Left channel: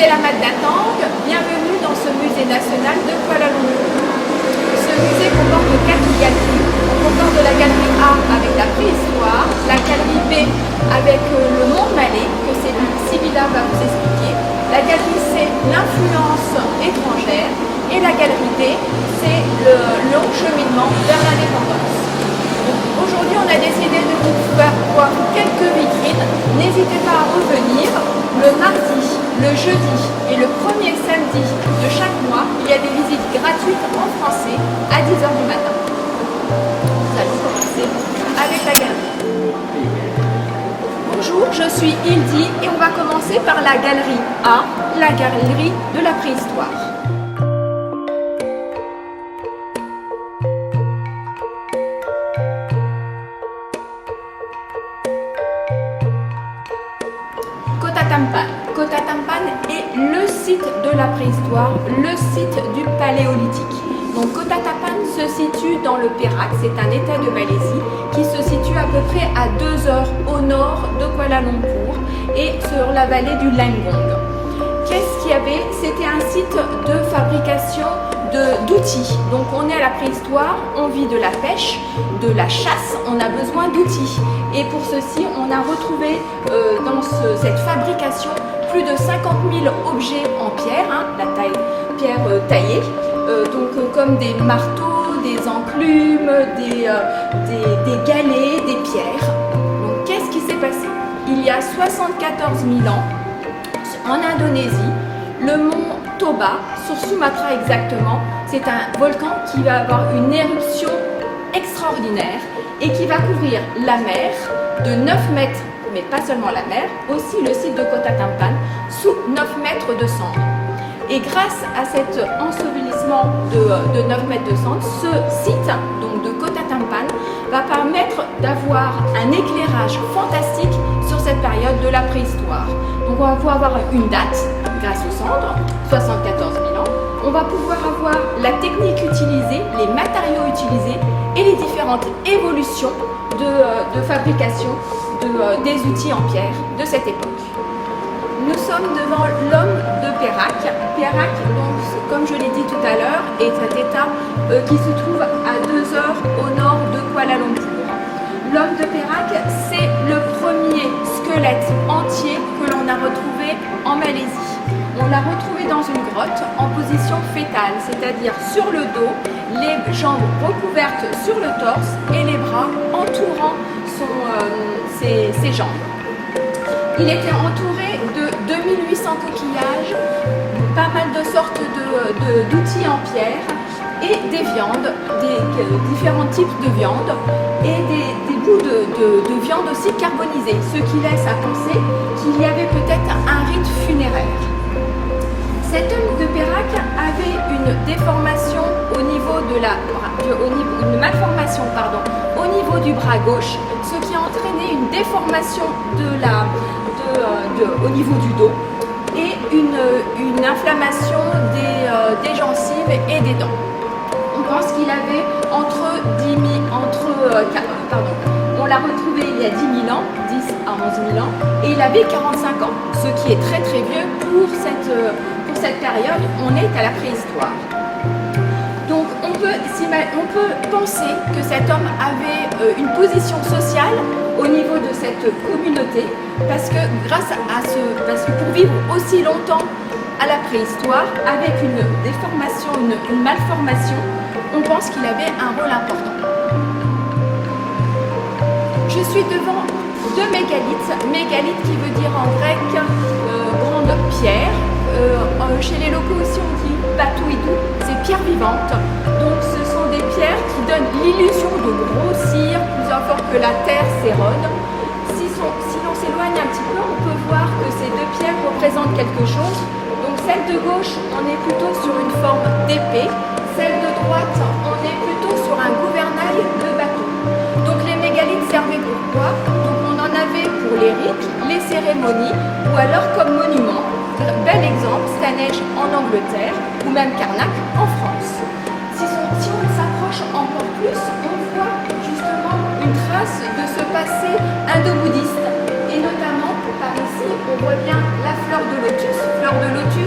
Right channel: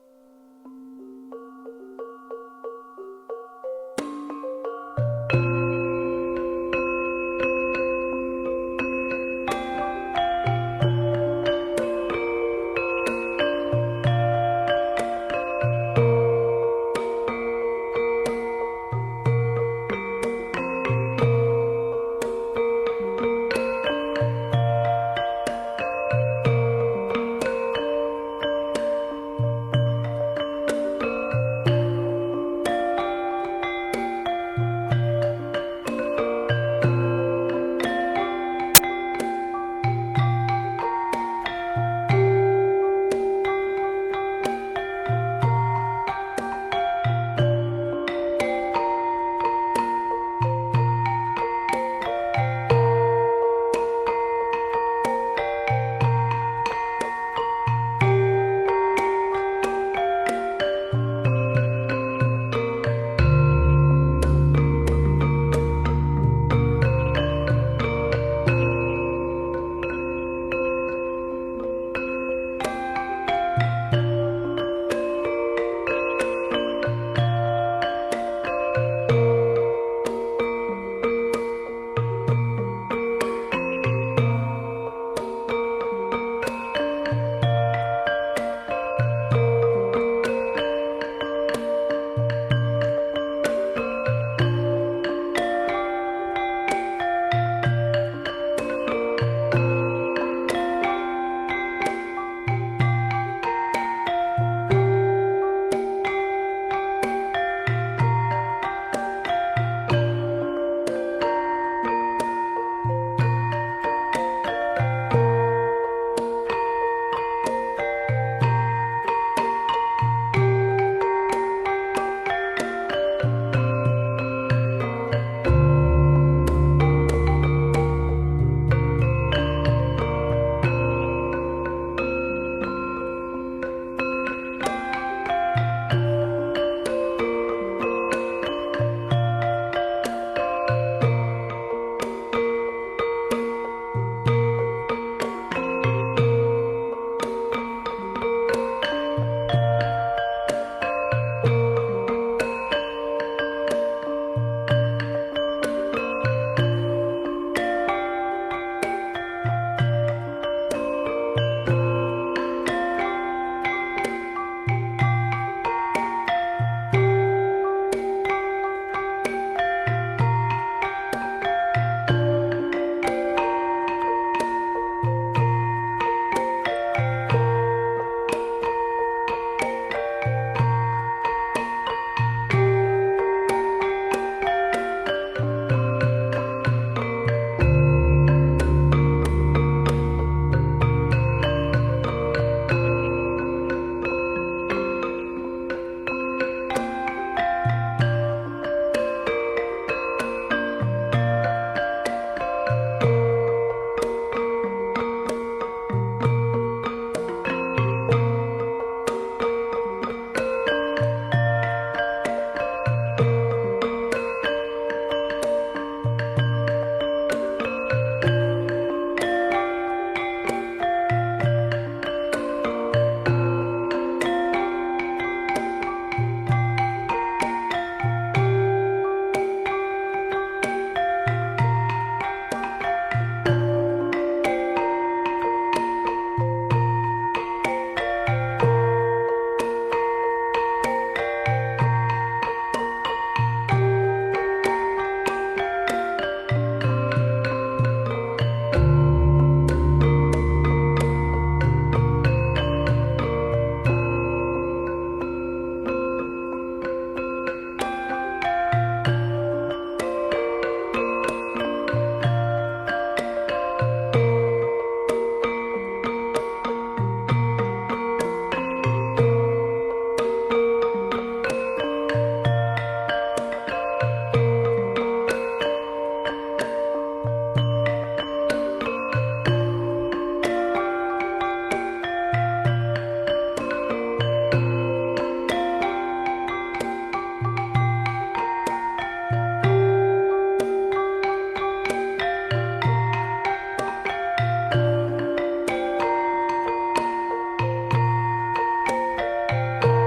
c'est la Mat d'Atang. Bienvenue dans ce musée national de Kuala Lumpur. Ce musée comporte 4 galeries. On comporte la galerie A avec la préhistoire, la galerie B avec le monde malais, que Sybilla va vous expliquer. La galerie C, l'influence étrangère. Et la galerie D, c'est le long cheminement vers l'indépendance. Aujourd'hui, on a décidé de vous faire voir quelques vitrines. N'hésitez pas à revenir. Le mardi, le jeudi et le premier samedi de chaque mois, il y a des visites gratuites en français à 10 h du matin. Nous allons commencer avec la galerie. Bonjour, je suis Hildy et on va commencer par la galerie A, la galerie de la préhistoire. Kota Tampan est le site de la préhistoire, le site du paléolithique. Donc Kota Tampan se situe dans le Perak, c'est un état de Malaisie qui se situe à peu près à 2 heures au nord de Kuala Lumpur et sur la vallée du Langgong. Qu'est-ce qu'il y avait? C'était un site de fabrication d'outils. Donc on est à la préhistoire, on vit de la pêche, de la chasse, on a besoin d'outils. Et pour ceci, on a retrouvé dans cette fabrication plus de 50 000 objets en pierre, la pierre taillée, donc comme des marteaux, des enclumes, des galets, des pierres. Donc qu'est-ce qui s'est passé? Il y a 74 000 ans, en Indonésie, le mont Toba, sur Sumatra exactement, c'est un volcan qui va avoir une éruption extraordinaire et qui va couvrir la mer de 9 mètres, mais pas seulement la mer, aussi le site de Kota Tampan, sous 9 mètres de cendres. Et grâce à cet ensevelissement de 9 mètres de cendres, ce site donc de Kota Tampan va permettre d'avoir un éclairage fantastique sur cette période de la préhistoire. Donc on va pouvoir avoir une date grâce aux cendres, 74 000 ans. On va pouvoir avoir la technique utilisée, les matériaux utilisés et les différentes évolutions de fabrication des outils en pierre de cette époque. Nous sommes devant l'homme de Perak. Perak, donc, comme je l'ai dit tout à l'heure, est un état qui se trouve à 2 heures au nord de Kuala Lumpur. L'homme de Perak, c'est le premier squelette entier que l'on a retrouvé en Malaisie. On l'a retrouvé dans une grotte en position fétale, c'est-à-dire sur le dos, les jambes recouvertes sur le torse et les bras entourant ses jambes. Il était entouré de 2800 coquillages, pas mal de sortes d'outils en pierre et des viandes, différents types de viandes et des bouts de viande aussi carbonisés, ce qui laisse à penser qu'il y avait peut-être un rite funéraire. Cet homme de Perak avait une déformation au niveau une malformation au niveau du bras gauche, ce qui a entraîné une déformation au niveau du dos et une inflammation des gencives et des dents. On pense qu'il avait on l'a retrouvé il y a 10 000 ans, 10 à 11 000 ans, et il avait 45 ans, ce qui est très très vieux pour cette période. On est à la préhistoire. Donc on peut penser que cet homme avait une position sociale au niveau de cette communauté parce que pour vivre aussi longtemps à la préhistoire avec une déformation, une malformation, on pense qu'il avait un rôle important. Je suis devant 2 mégalithes, mégalithe qui veut dire en grec grande pierre. Chez les locaux aussi on dit batuidou, c'est pierre vivante. Donc ce sont des pierres qui donnent l'illusion de grossir, plus fort que la terre s'érode. Si l'on s'éloigne un petit peu, on peut voir que ces 2 pierres représentent quelque chose. Donc celle de gauche, on est plutôt sur une forme d'épée. Celle de droite, on est plutôt sur un gouvernail de bateau. Donc les mégalithes servaient pour quoi? Donc on en avait pour les rites, les cérémonies ou alors comme monument. Bel exemple, Stonehenge en Angleterre ou même Karnak en France. Si on s'approche encore plus, on voit justement une trace de ce passé indo-bouddhiste. Et notamment par ici, on voit bien la fleur de lotus. Fleur de lotus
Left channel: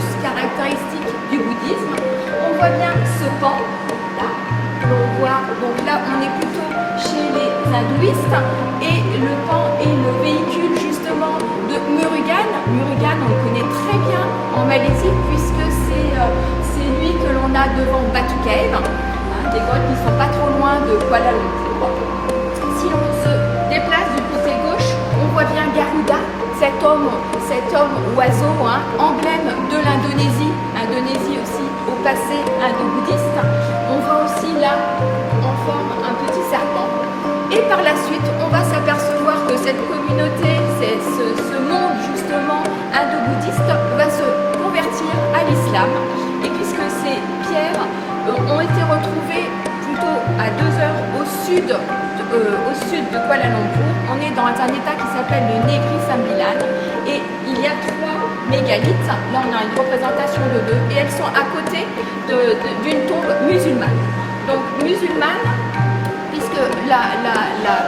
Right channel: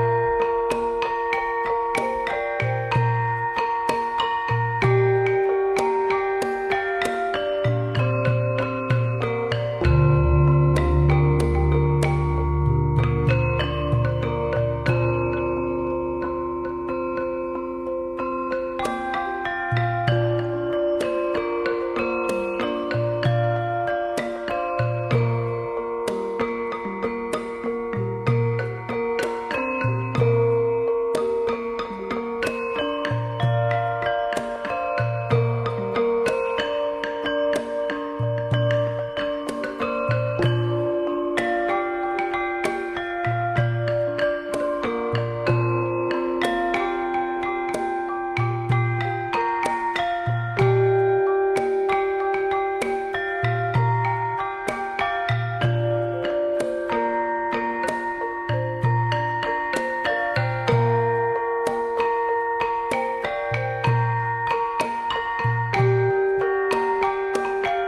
devant Batu Cave, des grottes qui ne sont pas trop loin de Kuala Lumpur. Si on se déplace du côté gauche, on voit bien Garuda, cet homme oiseau, emblème de l'Indonésie, Indonésie aussi au passé indo-bouddhiste. On voit aussi là en forme un petit serpent. Et par la suite, on va s'apercevoir que cette communauté, ce monde justement indo-bouddhiste va se convertir à l'islam. Et puisque ces pierres ont été retrouvées plutôt à 2 heures au sud de Kuala Lumpur, on est dans un état qui s'appelle le Negri Sembilan. Et il y a 3 mégalithes. Là, on a une représentation de 2 et elles sont à côté d'une tombe musulmane. Donc musulmane, puisque la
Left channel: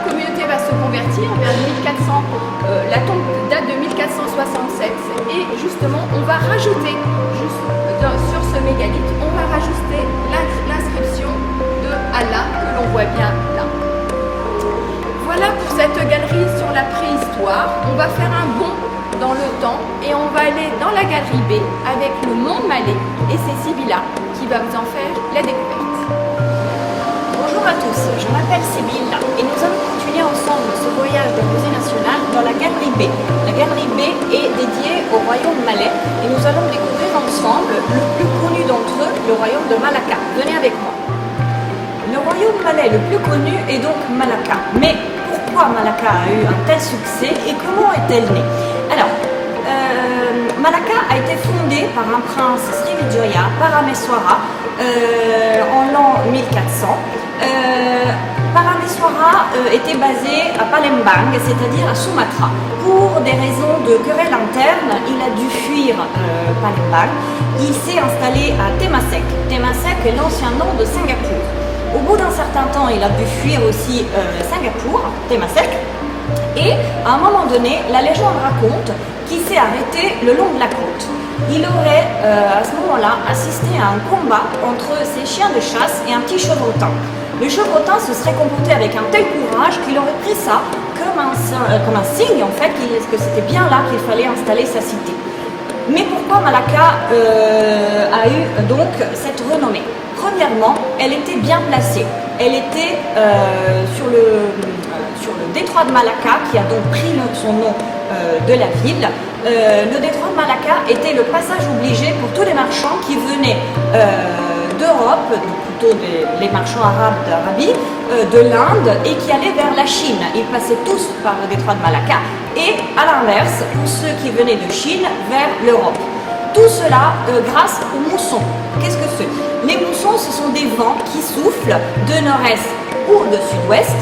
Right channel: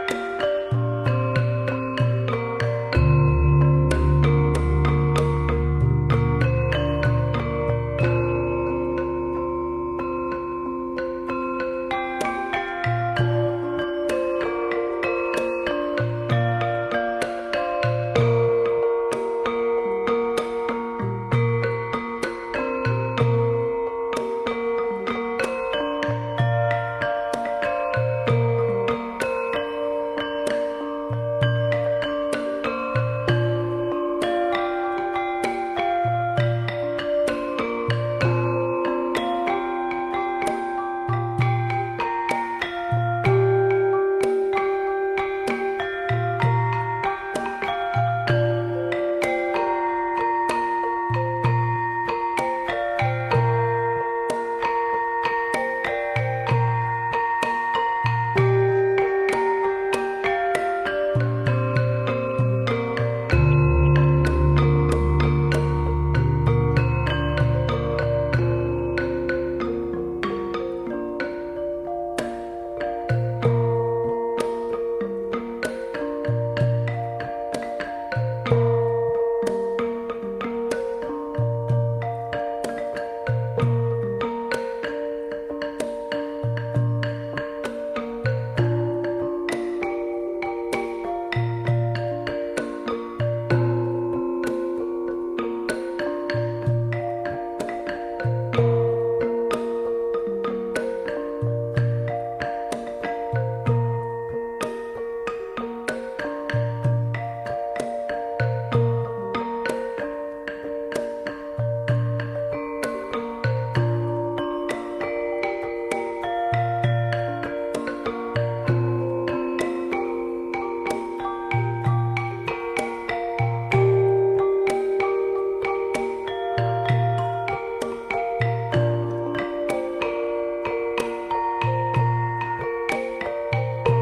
communauté va se convertir vers 1400, la tombe date de 1467 et justement on va rajouter sur ce mégalithe, on va rajouter l'inscription de Allah que l'on voit bien là. Voilà pour cette galerie sur la préhistoire. On va faire un bond dans le temps et on va aller dans la galerie B avec le mont Malais et c'est Sybilla qui va vous en faire la découverte. Bonjour à tous, je m'appelle Sybille et nous allons continuer ensemble ce voyage de musée national dans la galerie B. La galerie B est dédiée au royaume malais et nous allons découvrir ensemble le plus connu d'entre eux, le royaume de Malacca. Venez avec moi. Le royaume malais le plus connu est donc Malacca. Mais pourquoi Malacca a eu un tel succès et comment est-elle née? Alors, Malacca a été fondée par un prince Sriwijaya Parameswara en l'an 1400. Parameswara était basé à Palembang, c'est-à-dire à Sumatra. Pour des raisons de querelle interne, il a dû fuir Palembang. Il s'est installé à Temasek. Temasek est l'ancien nom de Singapour. Au bout d'un certain temps, il a dû fuir aussi Singapour, Temasek. Et à un moment donné, la légende raconte qu'il s'est arrêté le long de la côte. Il aurait à ce moment-là assisté à un combat entre ses chiens de chasse et un petit chevrotin. Le chevrotin se serait comporté avec un tel courage qu'il aurait pris ça comme un signe en fait que c'était bien là qu'il fallait installer sa cité. Mais pourquoi Malacca a eu donc cette renommée? Premièrement, elle était bien placée. Elle était sur le détroit de Malacca, qui a donc pris son nom de la ville. Le détroit de Malacca était le passage obligé pour tous les marchands qui venaient d'Europe, plutôt les marchands arabes d'Arabie, de l'Inde et qui allaient vers la Chine. Ils passaient tous par le détroit de Malacca et à l'inverse, pour ceux qui venaient de Chine vers l'Europe. Tout cela grâce aux moussons. Qu'est-ce que c'est? Les moussons, ce sont des vents qui soufflent de nord-est ou de sud-ouest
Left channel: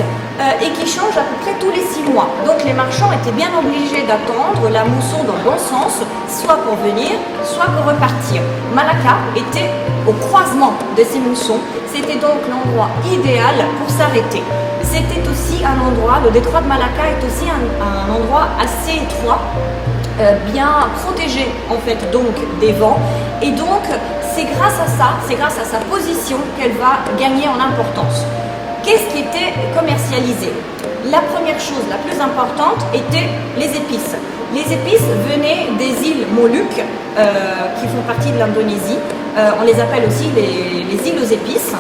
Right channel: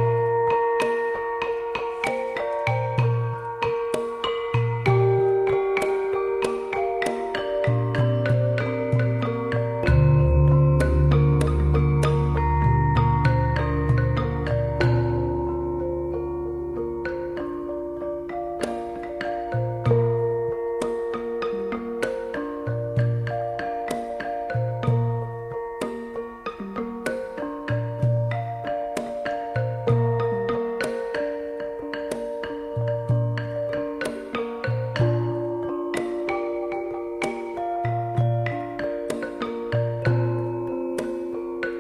et qui changent à peu près tous les 6 mois. Donc les marchands étaient bien obligés d'attendre la mousson dans le bon sens, soit pour venir, soit pour repartir. Malacca était au croisement de ces moussons. C'était donc l'endroit idéal pour s'arrêter. C'était aussi un endroit, le détroit de Malacca est aussi un endroit assez étroit, bien protégé en fait donc des vents. Et donc c'est grâce à ça, c'est grâce à sa position qu'elle va gagner en importance. Qu'est-ce qui était commercialisé? La première chose, la plus importante, était les épices. Les épices venaient des îles Moluques, qui font partie de l'Indonésie. On les appelle aussi les îles aux épices.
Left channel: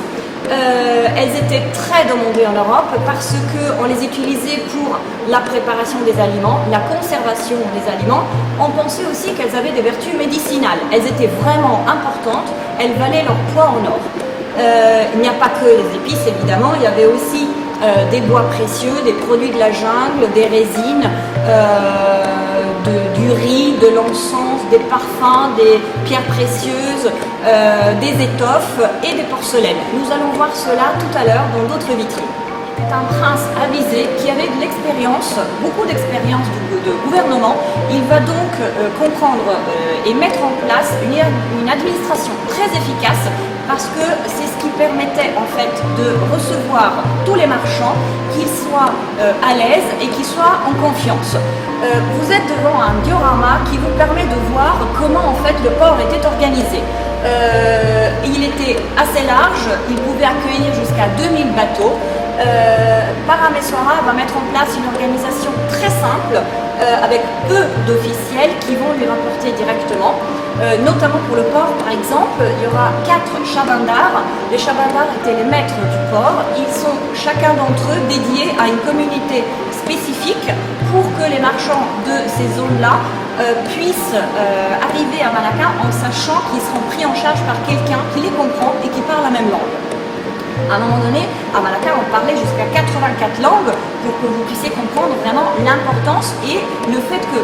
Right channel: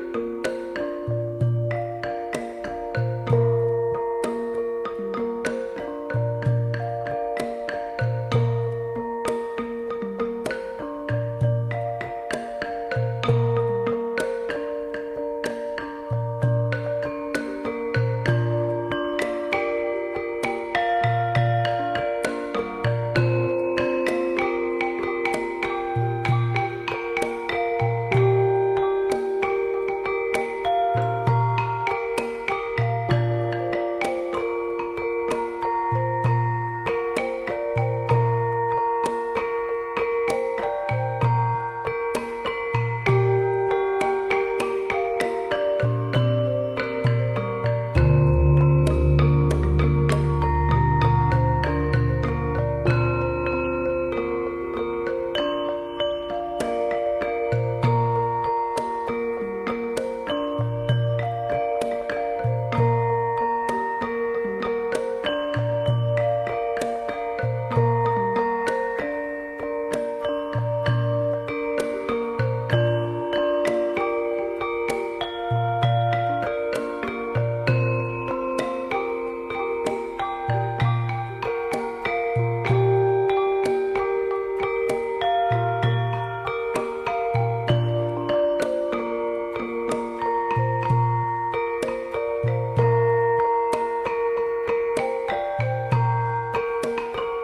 Elles étaient très demandées en Europe parce qu'on les utilisait pour la préparation des aliments, la conservation des aliments. On pensait aussi qu'elles avaient des vertus médicinales. Elles étaient vraiment importantes, elles valaient leur poids en or. Il n'y a pas que les épices évidemment, il y avait aussi des bois précieux, des produits de la jungle, des résines, du riz, de l'encens, des parfums, des pierres précieuses, des étoffes et des porcelaines. Nous allons voir cela tout à l'heure dans d'autres vitrines. C'est un prince avisé qui avait de l'expérience, beaucoup d'expérience de gouvernement. Il va donc comprendre et mettre en place une administration très efficace parce que c'est ce qui permettait en fait de recevoir tous les marchands, qu'ils soient à l'aise et qu'ils soient en confiance. Vous êtes devant un diorama qui vous permet de voir comment en fait le port était organisé. Il était assez large, il pouvait accueillir jusqu'à 2000 bateaux. Parameswara va mettre en place une organisation très simple avec peu d'officiels qui vont lui rapporter directement. notamment pour le port par exemple. Il y aura 4 chabandars. Les chabandars étaient les maîtres du port. Ils sont chacun d'entre eux dédiés à une communauté spécifique pour que les marchands de ces zones-là puissent arriver à Malacca en sachant qu'ils seront pris en charge par quelqu'un qui les comprend et qui parle la même langue. À un moment donné, à Malacca, on parlait jusqu'à 84 langues pour que vous puissiez comprendre vraiment l'importance et le fait que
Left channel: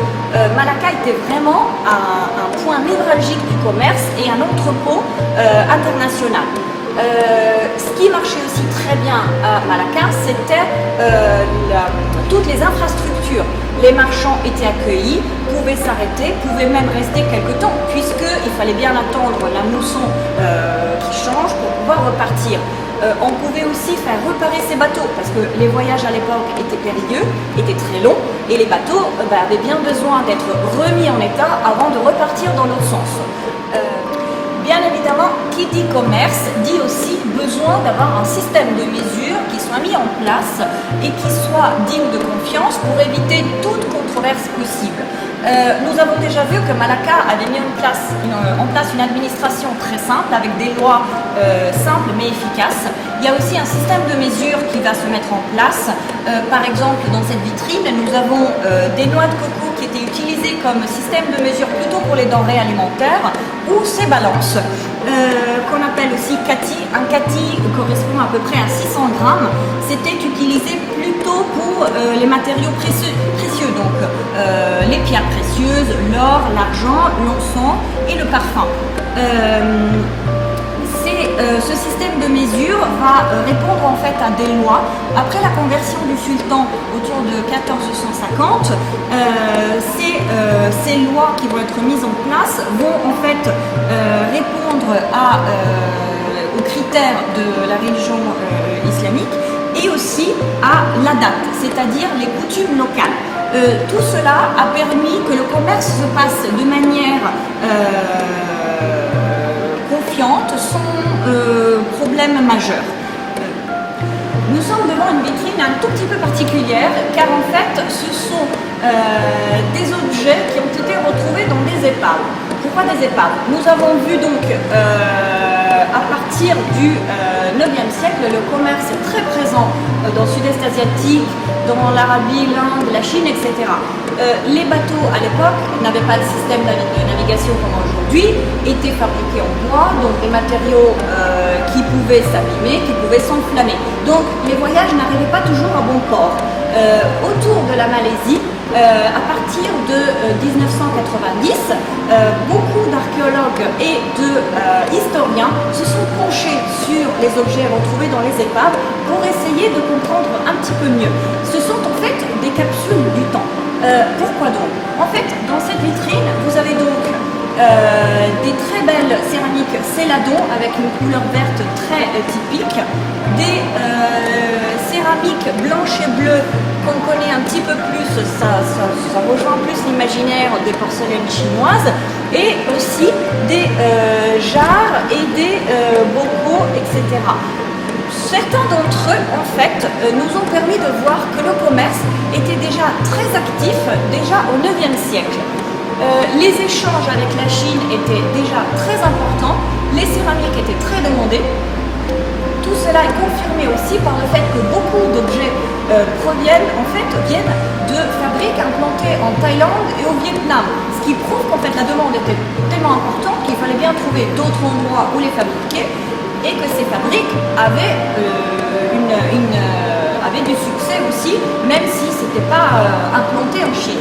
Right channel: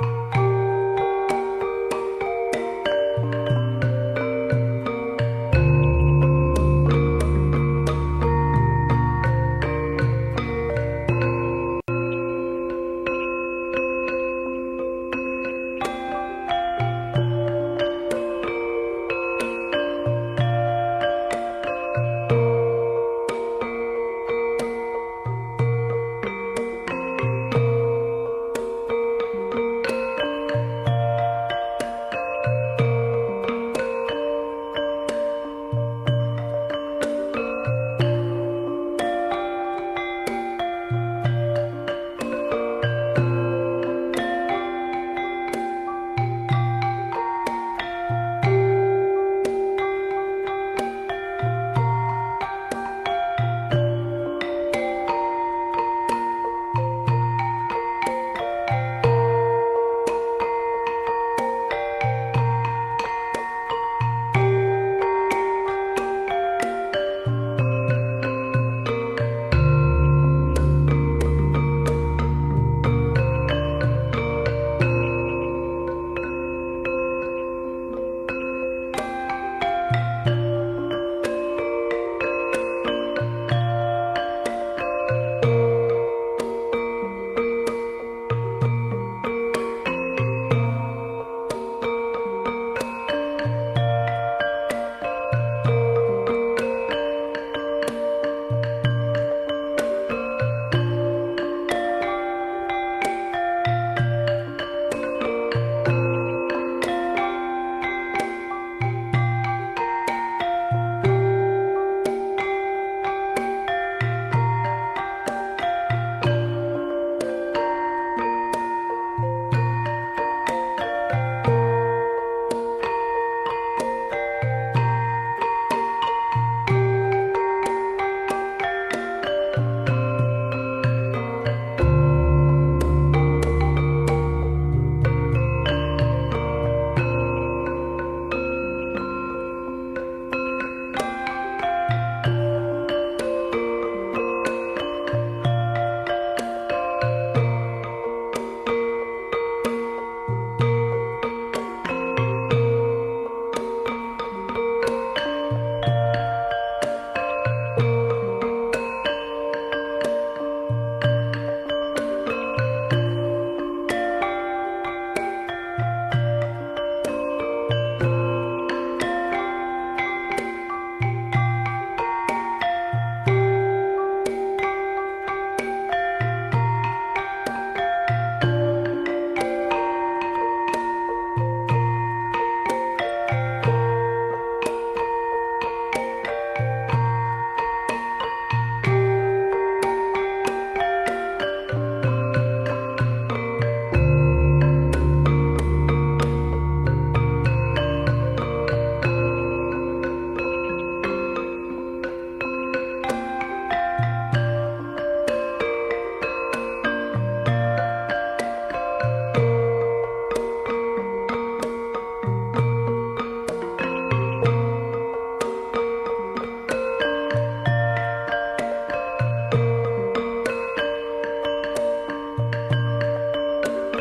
Malacca était vraiment un point névralgique du commerce et un entrepôt international. Ce qui marchait aussi très bien à Malacca, c'était toutes les infrastructures. Les marchands étaient accueillis, pouvaient s'arrêter, pouvaient même rester quelque temps, puisqu'il fallait bien attendre la mousson qui change pour pouvoir repartir. On pouvait aussi faire réparer ces bateaux, parce que les voyages à l'époque étaient périlleux, étaient très longs, et les bateaux avaient bien besoin d'être remis en état avant de repartir dans l'autre sens. Bien évidemment, qui dit commerce dit aussi besoin d'avoir un système de mesure qui soit mis en place et qui soit digne de confiance pour éviter toute controverse possible. Nous avons déjà vu que Malacca avait mis en place une administration très simple avec des lois simples mais efficaces. Il y a aussi un système de mesure qui va se mettre en place. Par exemple, dans cette vitrine, nous avons des noix de coco qui étaient utilisées comme système de mesure plutôt pour les denrées alimentaires ou ces balances qu'on appelle aussi kati. Un kati correspond à peu près à 600 grammes. C'était utilisé plutôt pour les matériaux précieux, donc les pierres précieuses, l'or, l'argent, l'encens et le parfum. Ce système de mesure va répondre en fait à des lois. Après la conversion du sultan autour de 1450, ces lois qui vont être mises en place vont en fait répondre aux critères de la religion islamique et aussi à la date, c'est-à-dire les coutumes locales. Tout cela a permis que le commerce se passe de manière confiante, sans problème majeur. Nous sommes devant une vitrine un tout petit peu particulière car en fait ce sont des objets qui ont été retrouvés dans des épaves. Pourquoi des épaves? Nous avons vu donc à partir du 9e siècle le commerce est très présent dans le sud-est asiatique, dans l'Arabie, l'Inde, la Chine, etc. Les bateaux à l'époque n'avaient pas de système de navigation comme aujourd'hui, étaient fabriqués en bois, donc des matériaux qui pouvaient s'abîmer, qui pouvaient s'enflammer. Donc les voyages n'arrivaient pas toujours à bon port. Autour de la Malaisie, à partir de 1990, beaucoup d'archéologues et d'historiens se sont penchés sur les objets retrouvés dans les épaves pour essayer de comprendre un petit peu mieux. Ce sont en fait des capsules du temps. Pourquoi donc? En fait, dans cette vitrine, vous avez donc des très belles céramiques céladon avec une couleur verte très typique, des céramiques blanches et bleues qu'on connaît un petit peu plus, ça rejoint plus l'imaginaire des porcelaines chinoises, et aussi des jarres et des bocaux, etc. Certains d'entre eux, en fait, nous ont permis de voir que le commerce était déjà très actif, déjà au 9e siècle. Les échanges avec la Chine étaient déjà très importants, les céramiques étaient très demandées. Tout cela est confirmé aussi par le fait que beaucoup d'objets viennent de fabriques implantées en Thaïlande et au Vietnam, ce qui prouve qu'en fait la demande était tellement importante qu'il fallait bien trouver d'autres endroits où les fabriquer et que ces fabriques avaient du succès aussi, même si ce n'était pas implanté en Chine.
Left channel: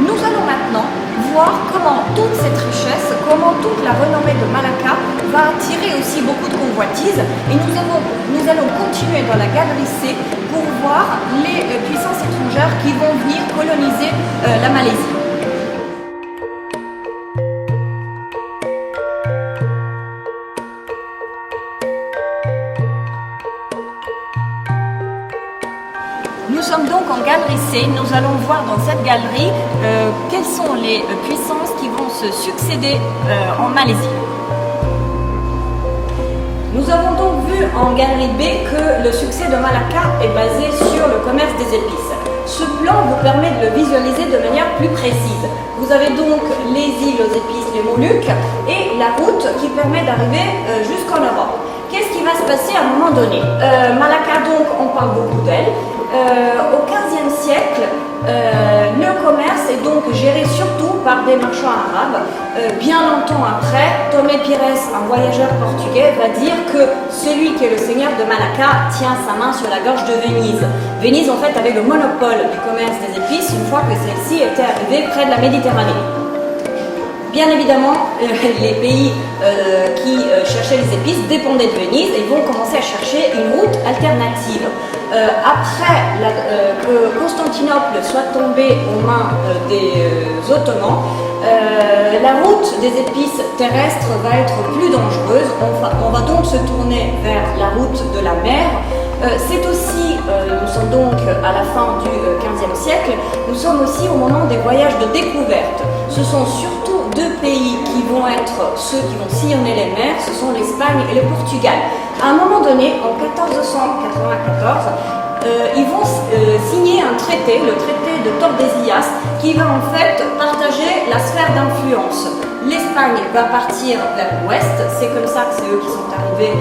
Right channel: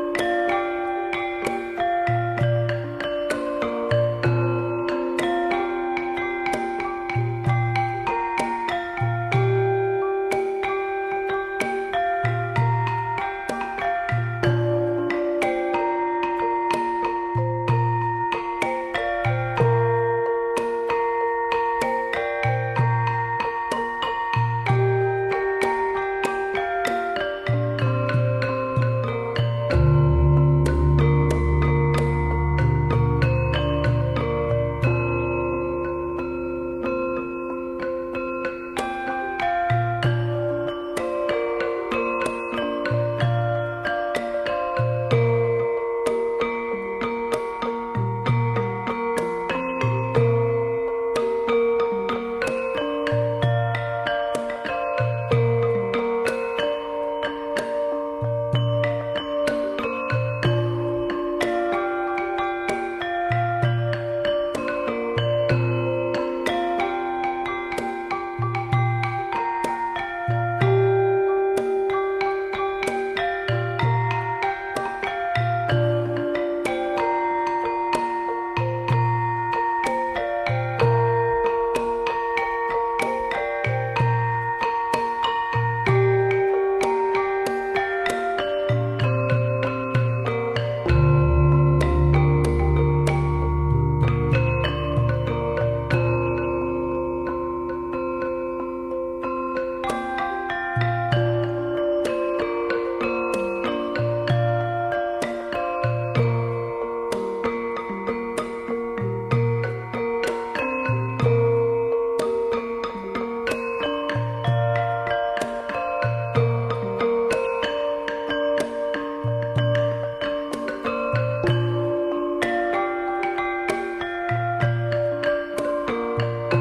Nous allons maintenant voir comment toute cette richesse, comment toute la renommée de Malacca va attirer aussi beaucoup de convoitises, et nous allons continuer dans la galerie C pour voir les puissances étrangères qui vont venir coloniser la Malaisie. Nous sommes donc en galerie C. Nous allons voir dans cette galerie quelles sont les puissances qui vont se succéder en Malaisie. Nous avons donc vu en galerie B que le succès de Malacca est basé sur le commerce des épices. Ce plan vous permet de le visualiser de manière plus précise. Vous avez donc les îles aux épices, les Moluques et la route qui permet d'arriver jusqu'en Europe. Qu'est-ce qui va se passer à un moment donné? Malacca, donc, on parle beaucoup d'elle. Au XVe siècle, le commerce est donc géré surtout par des marchands arabes. Bien longtemps après, Tomé Pires, un voyageur portugais, va dire que celui qui est le seigneur de Malacca tient sa main sur la gorge de Venise. Venise, en fait, avait le monopole du commerce des épices une fois que celle-ci était arrivée près de la Méditerranée. Bien évidemment, les pays qui cherchaient les épices dépendaient de Venise et vont commencer à chercher une route alternative. Après que Constantinople soit tombée aux mains des Ottomans, la route des épices terrestres va être plus dangereuse. On va donc se tourner vers la route de la mer. C'est aussi, nous sommes donc à la fin du XVe siècle, nous sommes aussi au moment des voyages de découverte. Ce sont surtout deux pays qui vont être ceux qui vont sillonner les mers, ce sont l'Espagne et le Portugal. À un moment donné, en 1494, ils vont signer un traité, le traité de Tordesillas, qui va en fait partager la sphère d'influence. L'Espagne va partir vers l'ouest, c'est comme ça que c'est eux qui sont arrivés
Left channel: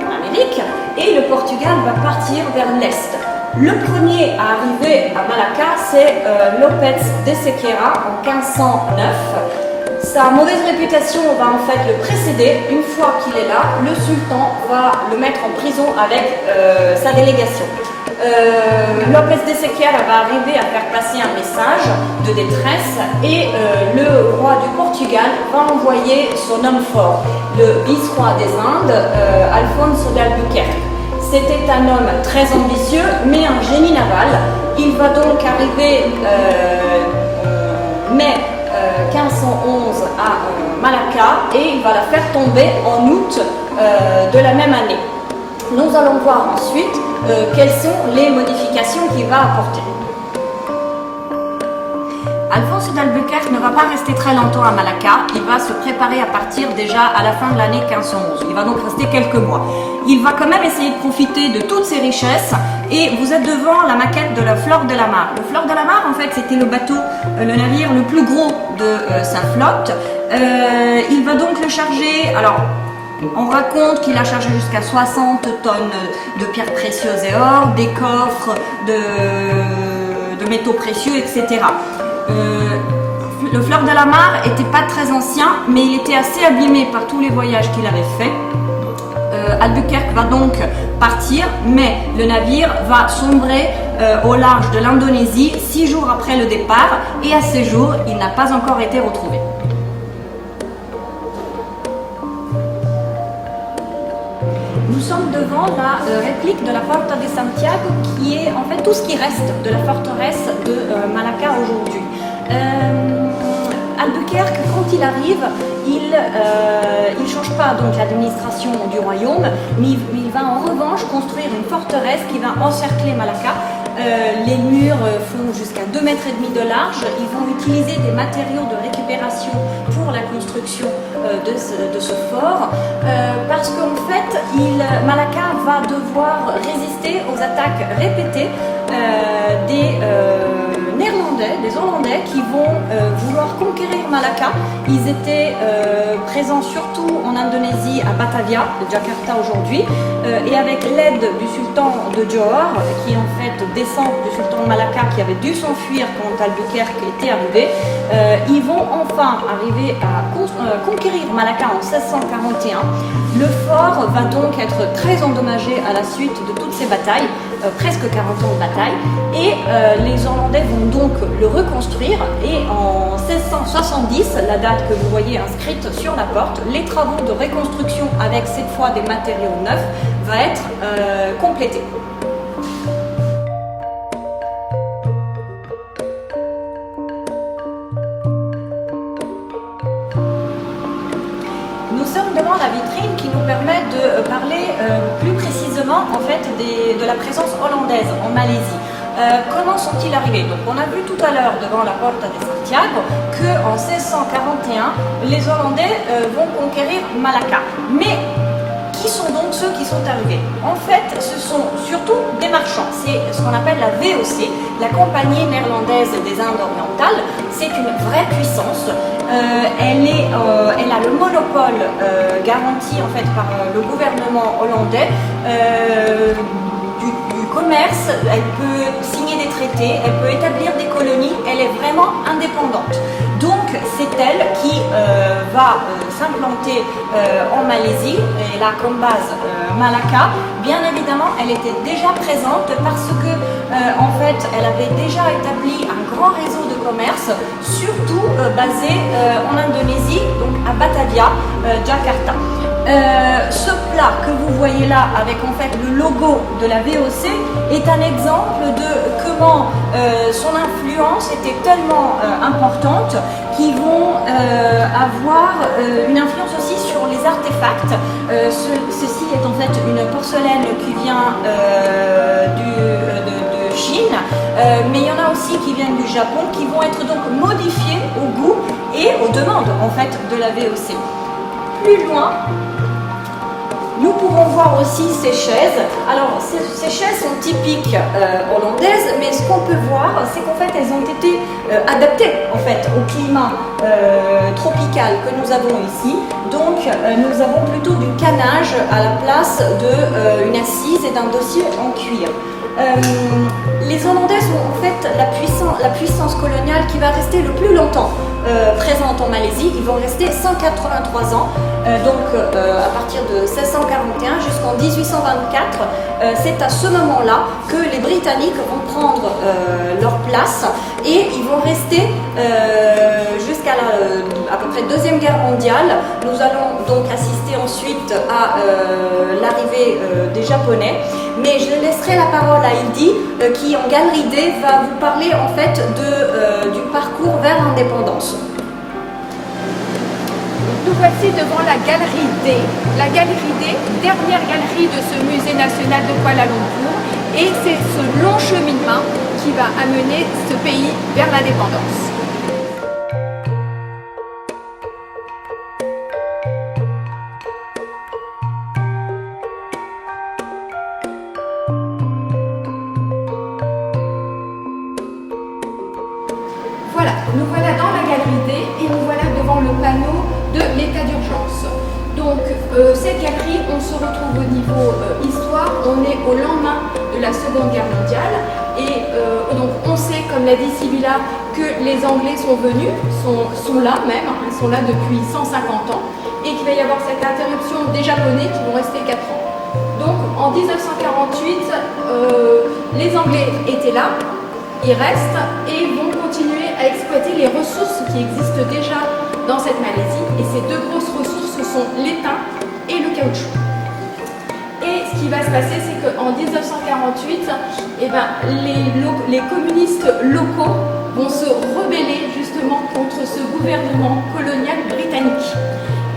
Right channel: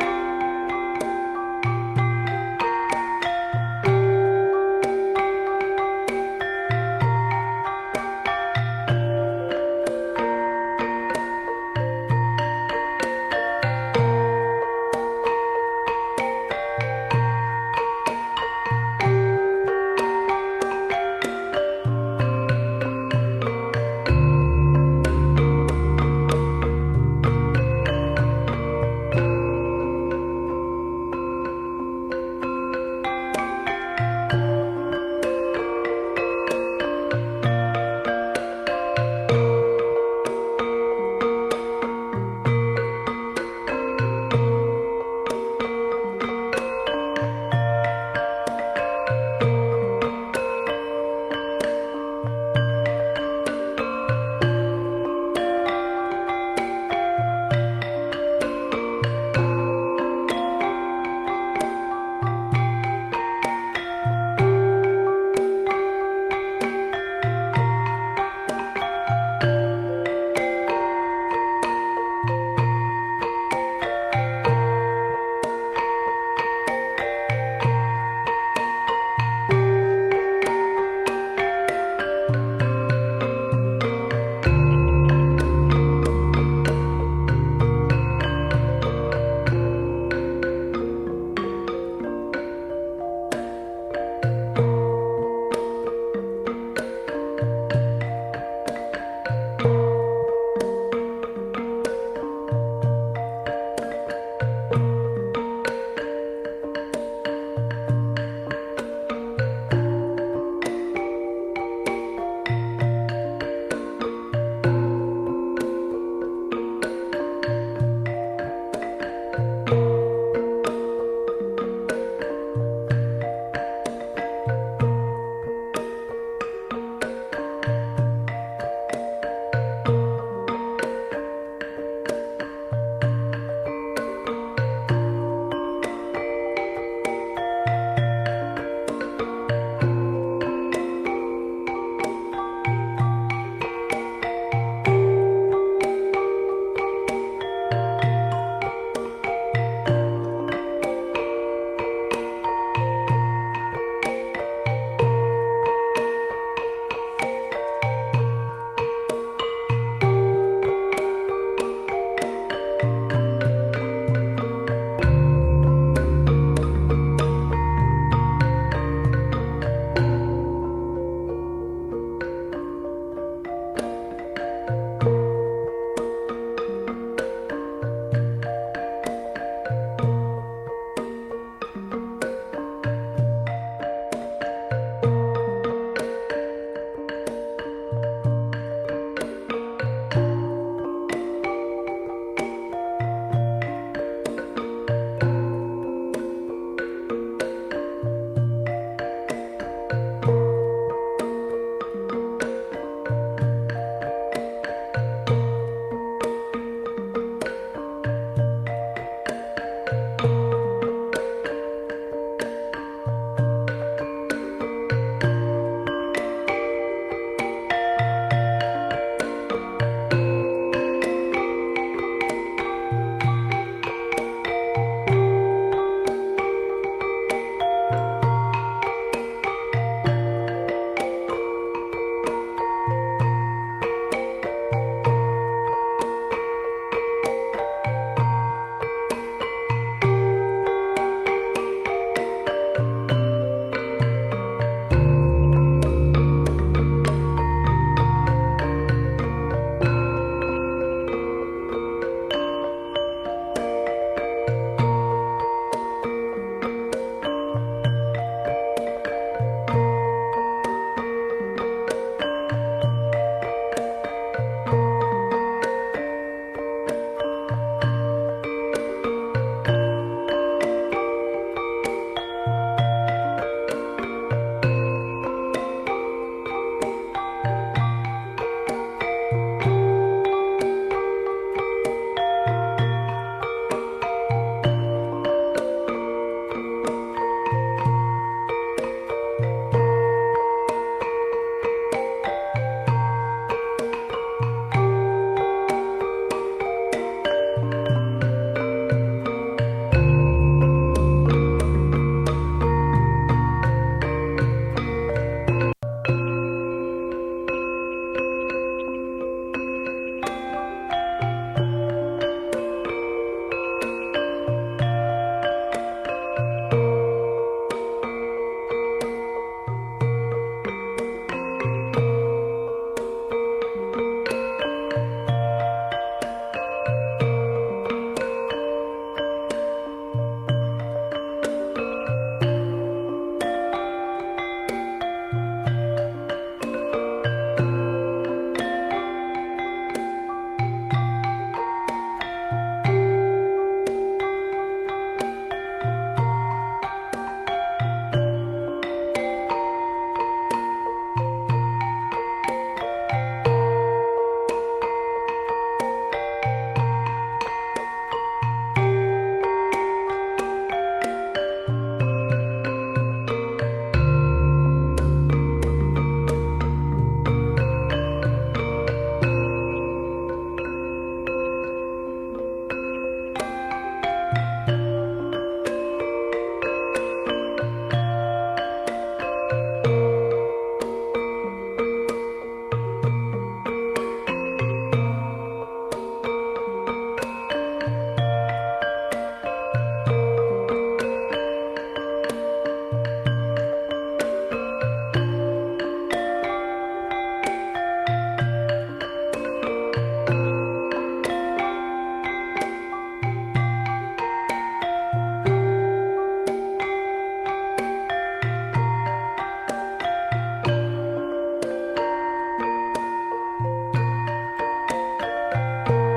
en Amérique, et le Portugal va partir vers l'est. Le premier à arriver à Malacca, c'est Lopez de Sequeira en 1509. Sa mauvaise réputation va en fait le précéder. Une fois qu'il est là, le sultan va le mettre en prison avec sa délégation. Lopez de Sequeira va arriver à faire passer un message de détresse et le roi du Portugal va envoyer son homme fort, le vice-roi des Indes, Alfonso d'Albuquerque. C'était un homme très ambitieux, mais un génie naval. Il va donc arriver en mai 1511 à Malacca et il va la faire tomber en août de la même année. Nous allons voir ensuite quelles sont les modifications qu'il va apporter. Alfonso d'Albuquerque ne va pas rester très longtemps à Malacca, il va se préparer à partir déjà à la fin de l'année 1511. Il va donc rester quelques mois. Il va quand même essayer de profiter de toutes ces richesses et vous êtes devant la maquette de la Flor de la Mar. Le Flor de la Mar, en fait, c'était le bateau, le navire le plus gros de sa flotte. Il va donc le charger, alors on raconte qu'il a chargé jusqu'à 60 tonnes de pierres précieuses et or, des coffres, de métaux précieux, etc. Le Flor de la Mar n'était pas très ancien, mais il était assez abîmé par tous les voyages qu'il avait faits. Albuquerque va donc partir, mais le navire va sombrer au large de l'Indonésie 6 jours après le départ, et à ces jours, il n'a pas encore été retrouvé. Nous sommes devant la réplique de la Porta de Santiago, qui est en fait tout ce qui reste de la forteresse de Malacca aujourd'hui. Albuquerque, quand il arrive, il ne change pas donc l'administration du royaume, mais il va en revanche construire une forteresse qui va encercler Malacca. Les murs font jusqu'à 2,5 mètres de large. Ils vont utiliser des matériaux de récupération pour la construction de ce fort, parce qu'en fait, Malacca va devoir résister aux attaques répétées des Néerlandais, des Hollandais qui vont vouloir conquérir Malacca. Ils étaient présents surtout en Indonésie, à Batavia, de Jakarta aujourd'hui, et avec l'aide du sultan de Johor, qui en fait descend du sultan de Malacca qui avait dû s'enfuir quand Albuquerque était arrivé, ils vont enfin arriver à conquérir Malacca en 1641. Le fort va donc être très endommagé à la suite de toutes ces batailles, presque 40 ans de bataille, et les Hollandais vont donc le reconstruire, et en 1670, la date que vous voyez inscrite sur la porte, les travaux de reconstruction avec cette fois des matériaux neufs va être complétés. La vitrine qui nous permet de parler plus précisément en fait de la présence hollandaise en Malaisie. Comment sont-ils arrivés? Donc on a vu tout à l'heure devant la Porta de Santiago qu'en 1641 les Hollandais vont conquérir Malacca. Mais qui sont donc ceux qui sont arrivés? En fait, ce sont surtout des marchands. C'est ce qu'on appelle la VOC, la Compagnie néerlandaise des Indes orientales. C'est une vraie puissance. Elle est l'école garantie en fait par le gouvernement hollandais du commerce. Elle peut signer des traités, elle peut établir des colonies, elle est vraiment indépendante. Donc c'est elle qui va s'implanter en Malaisie, et là comme base Malacca. Bien évidemment, elle était déjà présente parce que en fait, elle avait déjà établi un grand réseau de commerce, surtout basé en Indonésie, donc à Batavia, Jakarta. Ce plat que vous voyez là, avec en fait le logo de la VOC, est un exemple de comment son influence était tellement importante qu'ils vont avoir une influence aussi sur les artefacts. Ceci est en fait une porcelaine qui vient de Chine, mais il y en a aussi qui viennent du Japon, qui vont être donc modifiées au goût et aux demandes en fait de la VOC. Plus loin, nous pouvons voir aussi ces chaises. Alors ces chaises sont typiques hollandaises, mais ce qu'on peut voir, c'est qu'en fait elles ont été adaptées en fait au climat tropical que nous avons ici. Donc nous avons plutôt du canage à la place d'une assise et d'un dossier en cuir. Les Hollandais sont en fait la puissance coloniale qui va rester le plus longtemps présente en Malaisie. Ils vont rester 183 ans, donc à partir de 1641 jusqu'en 1824. C'est à ce moment-là que les Britanniques vont prendre leur place et ils vont rester jusqu'à à peu près Deuxième Guerre mondiale. Nous allons donc assister ensuite à l'arrivée des Japonais. Mais je laisserai la parole à Hildy qui en Galerie D va vous parler en fait du parcours vers l'indépendance. Nous voici devant la Galerie D. La Galerie D, dernière galerie de ce musée national de Kuala Lumpur, et c'est ce long cheminement qui va amener ce pays vers l'indépendance. Nous voilà dans la Galerie D et nous voilà devant le panneau de l'état d'urgence. Donc cette galerie, on se retrouve au niveau histoire, on est au lendemain de la Seconde Guerre mondiale et donc on sait, comme l'a dit Sybilla, que les Anglais sont venus, sont là même, ils sont là depuis 150 ans et qu'il va y avoir cette interruption des Japonais qui vont rester 4 ans. Donc en 1948, les Anglais étaient là, ils restent et vont continuer à exploiter les ressources qui existent déjà dans cette Malaisie. Et ces deux grosses ressources sont l'étain et le caoutchouc. Et ce qui va se passer, c'est qu'en 1948, les communistes locaux vont se rebeller justement contre ce gouvernement colonial britannique.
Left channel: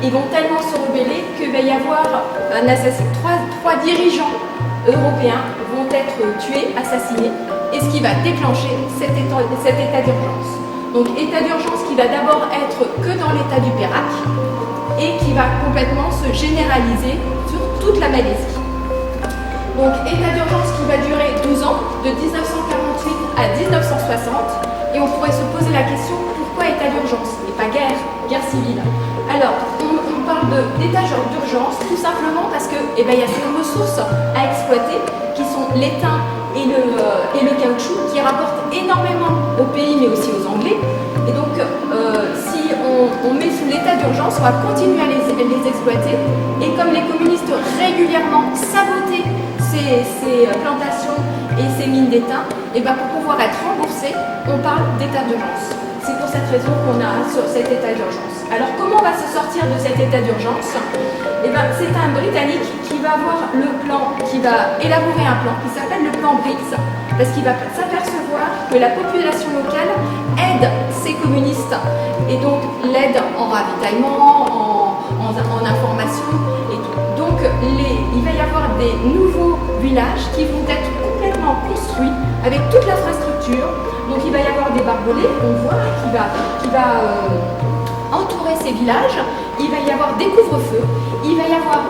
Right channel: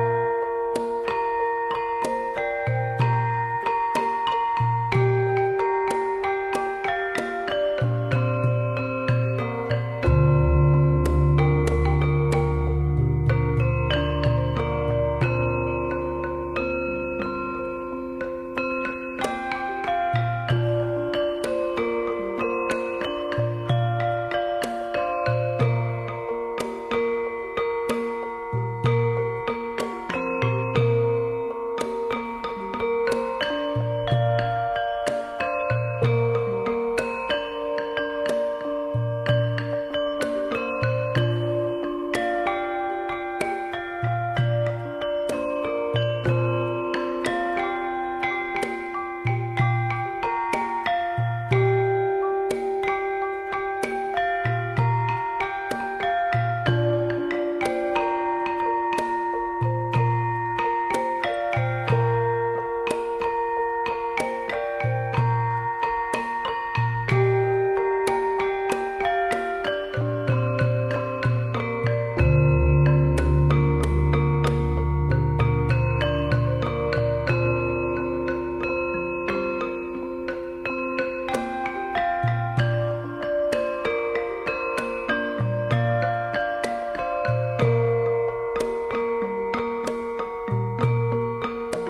Ils vont tellement se rebeller qu'il va y avoir un assassinat. Trois dirigeants européens vont être tués, assassinés. Et ce qui va déclencher cet état d'urgence. Donc état d'urgence qui va d'abord être que dans l'état du Perak et qui va complètement se généraliser sur toute la Malaisie. Donc état d'urgence qui va durer 12 ans, de 1948 à 1960. Et on pourrait se poser la question, pourquoi état d'urgence et pas guerre civile? Alors, on parle d'état d'urgence tout simplement parce que y a ces ressources à exploiter qui sont l'étain et le caoutchouc qui rapportent énormément au pays mais aussi aux Anglais. Et donc si on met sous l'état d'urgence, on va continuer à les exploiter. Et comme les communistes régulièrement sabotaient ces plantations et ces mines d'étain, et pour pouvoir être remboursés, on parle d'état d'urgence. C'est pour cette raison qu'on a sur cet état d'urgence. Alors comment on va se sortir de cet état d'urgence? C'est un Britannique qui va avoir le plan, qui va élaborer un plan qui s'appelle le plan BRICS, parce qu'il va s'apercevoir que la population locale aide ces communistes, et donc l'aide en ravitaillement, en information, et tout. Donc il va y avoir des nouveaux villages qui vont être complètement construits avec toute l'infrastructure. Donc il va y avoir des barbelés, on voit, qui va entourer ces villages. Il va y avoir des couvre-feux, il va y avoir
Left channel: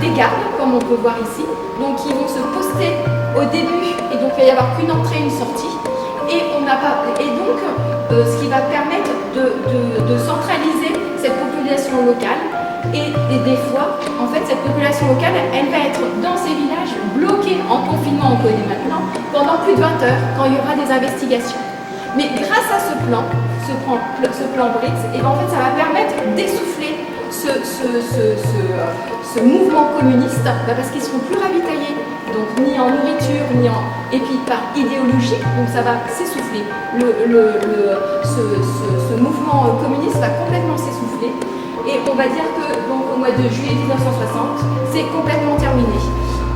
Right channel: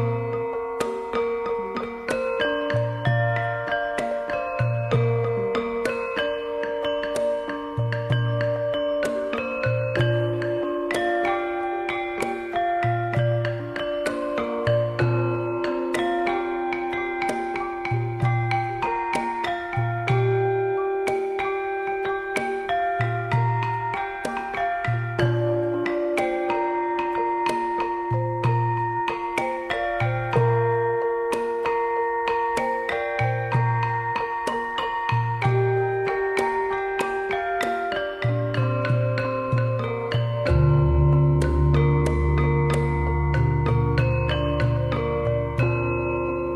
des gardes, comme on peut voir ici, donc ils vont se poster au début, et donc il va y avoir qu'une entrée et une sortie, et donc ce qui va permettre de centraliser cette population locale population locale, elle va être dans ces villages bloquée en confinement, on connaît maintenant, pendant plus de 20 heures quand il y aura des investigations. Mais grâce à ce plan BRICS, et en fait, ça va permettre d'essouffler ce mouvement communiste, parce qu'ils seront plus ravitaillés, donc ni en nourriture, et puis par idéologie, donc ça va s'essouffler. Ce mouvement communiste va complètement s'essouffler, et on va dire que donc, au mois de juillet 1960, c'est complètement terminé.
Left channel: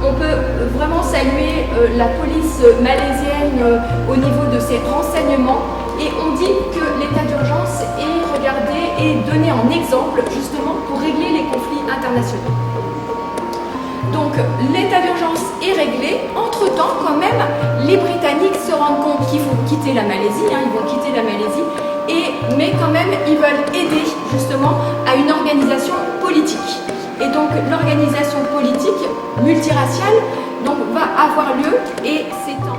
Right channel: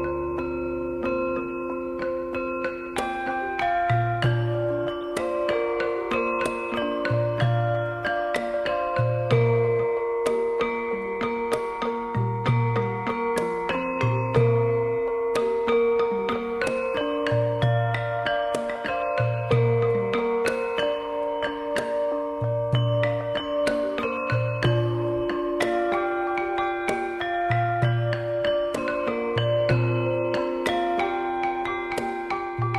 On peut vraiment saluer la police malaisienne au niveau de ses renseignements, et on dit que l'état d'urgence est regardé et donné en exemple justement pour régler les conflits internationaux. Donc l'état d'urgence est réglé. Entre-temps, quand même, les Britanniques se rendent compte qu'il faut quitter la Malaisie, ils vont quitter la Malaisie, mais quand même ils veulent aider justement à une organisation politique. Et donc l'organisation politique multiraciale donc, va avoir lieu, et c'est en...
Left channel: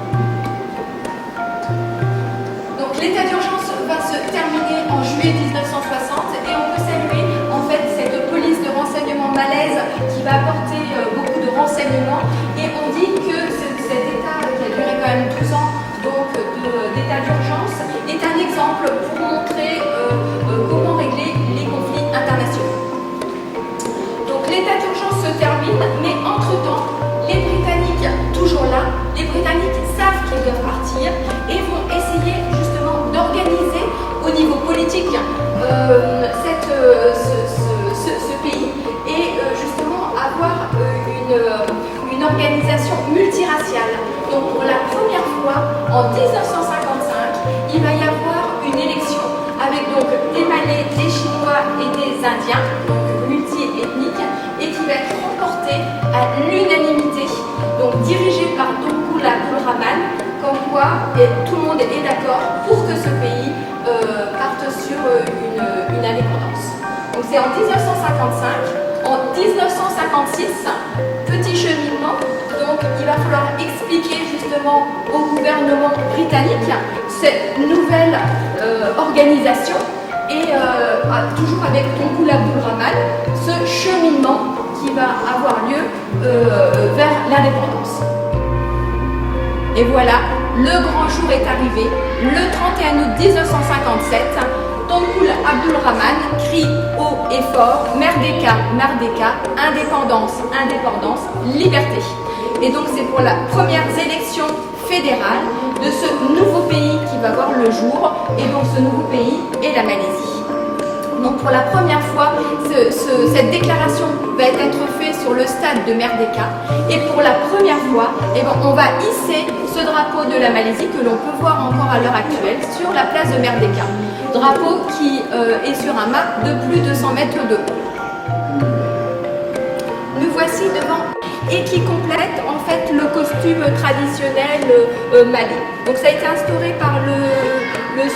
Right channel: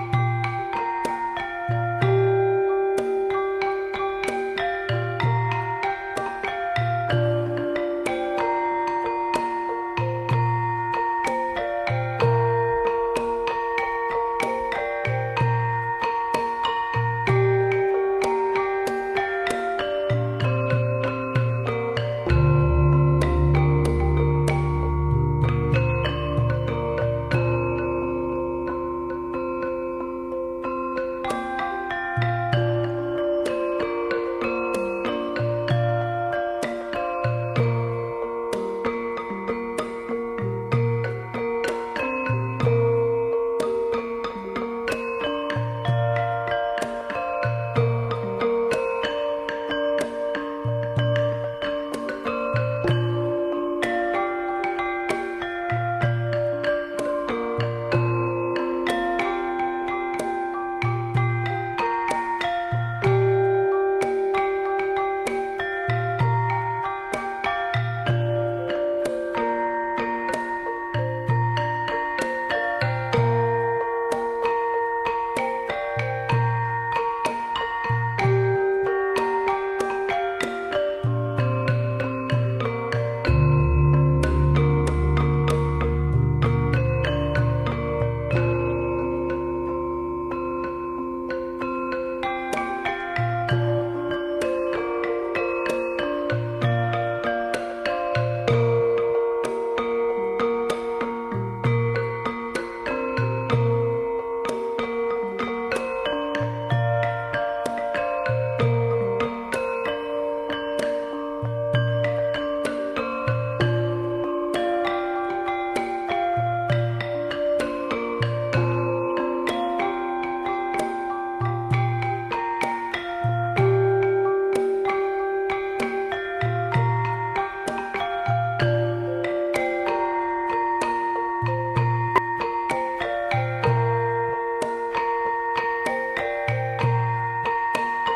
Donc l'état d'urgence va se terminer en juillet 1960, et on peut saluer en fait cette police de renseignement malaise qui va apporter beaucoup de renseignements, et on dit que cet état qui a duré quand même 12 ans donc d'état d'urgence est un exemple pour montrer comment régler les conflits internationaux. Donc l'état d'urgence se termine, mais entre-temps, les Britanniques, toujours là, les Britanniques savent qu'ils doivent partir et vont essayer justement d'organiser au niveau politique ce pays, et justement avoir une organisation multiraciale. Donc pour la première fois, en 1955, il va y avoir une élection avec donc des Malais, des Chinois et des Indiens, donc multi-ethniques, et qui va être remportée à l'unanimité, donc dirigée par Tunku Abdul Rahman, comme quoi tout le monde est d'accord pour que ce pays parte sur une indépendance. Donc c'est en 1955. En 1956, petit cheminement, donc il va falloir expliquer justement au gouvernement britannique cette nouvelle organisation, et toujours avec Tunku Abdul Rahman, ce cheminement qui va avoir lieu vers l'indépendance. Et voilà, le grand jour est arrivé. Le 31 août 1957, Tunku Abdul Rahman crie haut et fort « Merdeka, Merdeka, indépendance, indépendance, liberté ». Et donc c'est pour la première élection fédérale de ce nouveau pays qui va voir le jour, et donc ce nouveau pays est la Malaisie. Donc pour la première fois, cette déclaration va être faite sur le stade de Merdeka, et pour la première fois, on va hisser ce drapeau de la Malaisie que l'on peut voir encore à l'heure actuelle sur la place de Merdeka. Drapeau qui est sur un mât de plus de 100 mètres de haut. Nous voici devant, et qui complète en fait le costume traditionnel malais. Donc ça a été instauré par le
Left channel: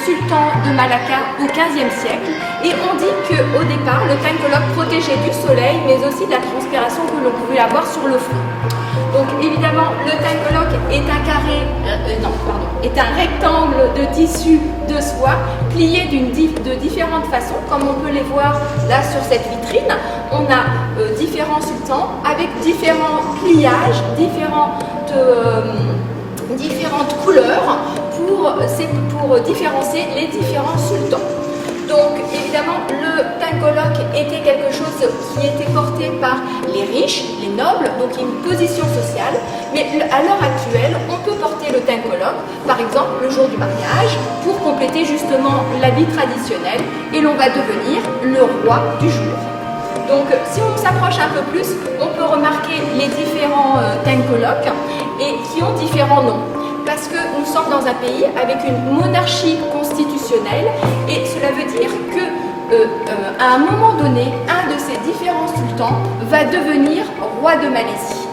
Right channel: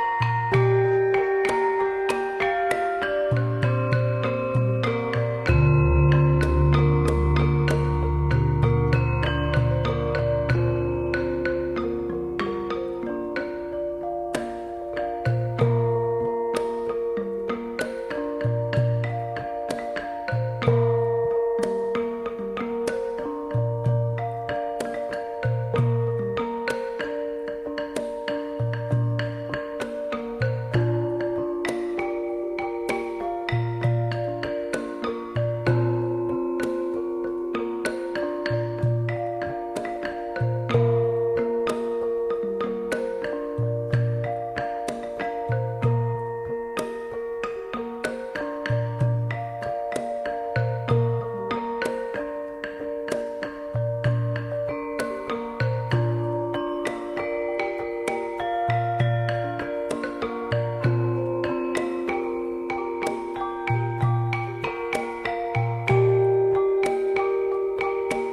sultan de Malacca au XVe siècle, et on dit qu'au départ le tengkolok protégeait du soleil mais aussi de la transpiration que l'on pouvait avoir sur le front. Donc évidemment le tengkolok est est un rectangle de tissu de soie plié de différentes façons, comme on peut les voir là sur cette vitrine. On a différents sultans avec différents pliages, différentes couleurs pour différencier les différents sultans. Donc évidemment le tengkolok était quelque chose qui était porté par les riches, les nobles, donc il y a une position sociale, mais à l'heure actuelle on peut porter le tengkolok par exemple le jour du mariage pour compléter justement l'habit traditionnel, et l'on va devenir le roi du jour. Donc si on s'approche un peu plus, on peut remarquer les différents tengkolok et qui ont différents noms, parce que nous sommes dans un pays avec une monarchie constitutionnelle, et cela veut dire que à un moment donné, un de ces différents sultans va devenir roi de Malaisie.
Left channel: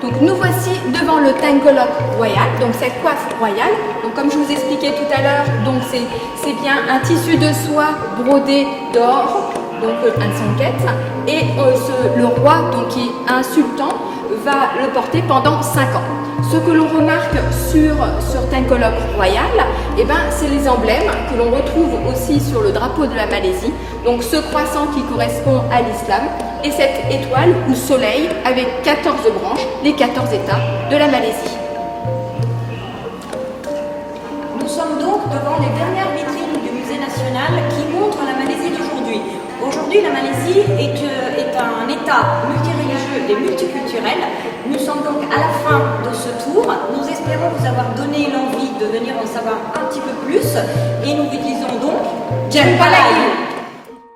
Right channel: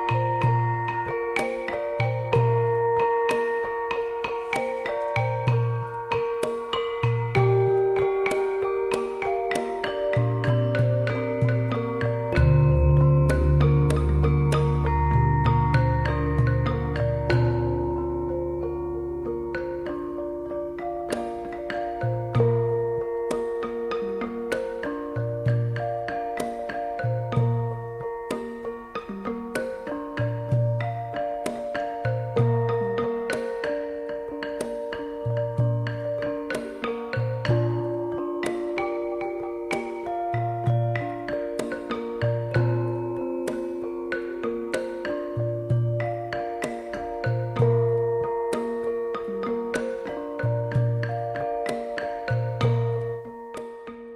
Donc nous voici devant le tengkolok royal, donc cette coiffe royale. Donc comme je vous expliquais tout à l'heure, donc c'est bien un tissu de soie brodé d'or, donc un sanket, et le roi, donc qui est un sultan, va le porter pendant 5 ans. Ce que l'on remarque sur certains colloques royales, eh ben, c'est les emblèmes que l'on retrouve aussi sur le drapeau de la Malaisie. Donc ce croissant qui correspond à l'islam et cette étoile ou soleil avec 14 branches, les 14 États de la Malaisie. Nous sommes donc devant les dernières vitrines du Musée national qui montrent la Malaisie d'aujourd'hui. Aujourd'hui, la Malaisie est un État multireligieux et multiculturel. Nous sommes donc à la fin de ce tour. Nous espérons vous avoir donné l'envie de venir en savoir un petit peu plus et nous vous disons donc Jempalayu.